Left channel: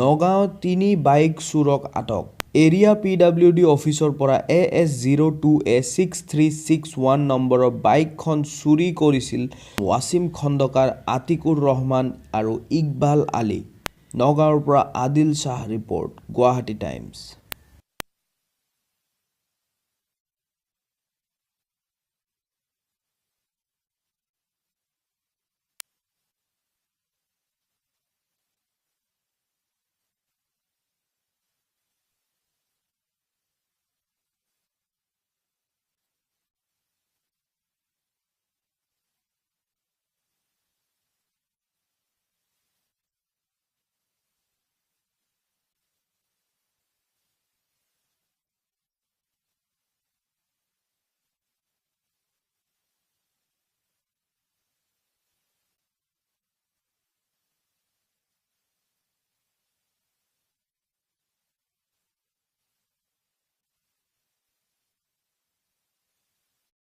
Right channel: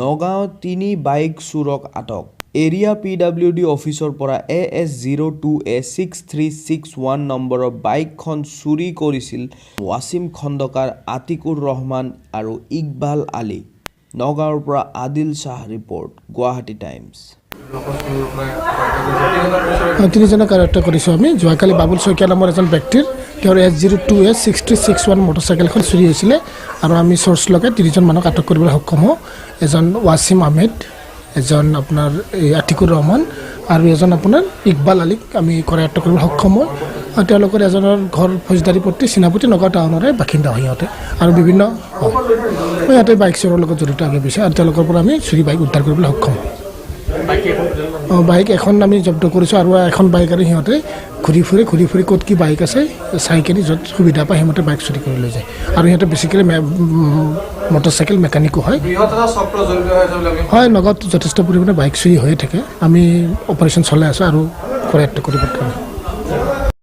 নগাঁৱত 3 বাইক চুৰক আটক area PWD অফিচৰ পৰা AS02A6361 নম্বৰৰ বাইকখন চুৰি কৰিছিল ৱাছিম খণ্ডকাৰ আতিকুৰ ৰহমান আৰু ইকবাল আলী নগাঁৱৰ পৰা আদিল শাহ ৰিপৰ্ট গুৱাহাটী টাইমছ তিনিজনক আৰক্ষা কৰিছোঁ আমি যোৱাকালি বাবুল শইকীয়া নামৰ এজন ব্যক্তিৰ তেওঁৰ AS02A6361 মটৰচাইকেলখন চুৰি হৈছিলে আৰু আমি চ'ৰ্চ লগাই 3জন মানুহক আটক কৰিবলৈ সক্ষম হওঁ এজন ৱাছিম আহমেদ এজন আপোনাৰ আতিকুৰ ৰহমান আৰু এজন আপোনাৰ ইকবাল আলীক আমি কৰায়ত্ব কৰিবলৈ সক্ষম হওঁ আৰু তেওঁলোকৰ এজনৰ ঘৰ ফৌজদাৰী পট্টি চিনাপতি নগাঁও টাউনৰে বাসিন্দা হয় সিহঁতে আৰু বিভিন্ন সিহঁতে বাইক চোৰৰ লগত জড়িত আগে পিছে আৰু তেওঁলোকৰ পৰা আমি চুৰি বাইক উদ্ধাৰ কৰিবলৈ সক্ষম হওঁ বাইক এখন আমি জব্দ কৰিছোঁ আৰু এখন বাইক আৰু সিহঁতে ঘূৰি ফুৰি ক'ত কি বাইক আছে চাই কিনি য'ত সুবিধা পায় সেইমতে বাইক চুৰি কৰি লৈ যায় আৰু সিহঁতে বেছিকেলি মটৰচাইকেল মেকানিকো হয় নগাঁৱত যথেষ্ট পৰিমাণে বাইক চুৰি হৈয়ে থাকে আমি অপাৰেশ্যন চলাই আছোঁ আৰু কৰায়ত্ব কৰিব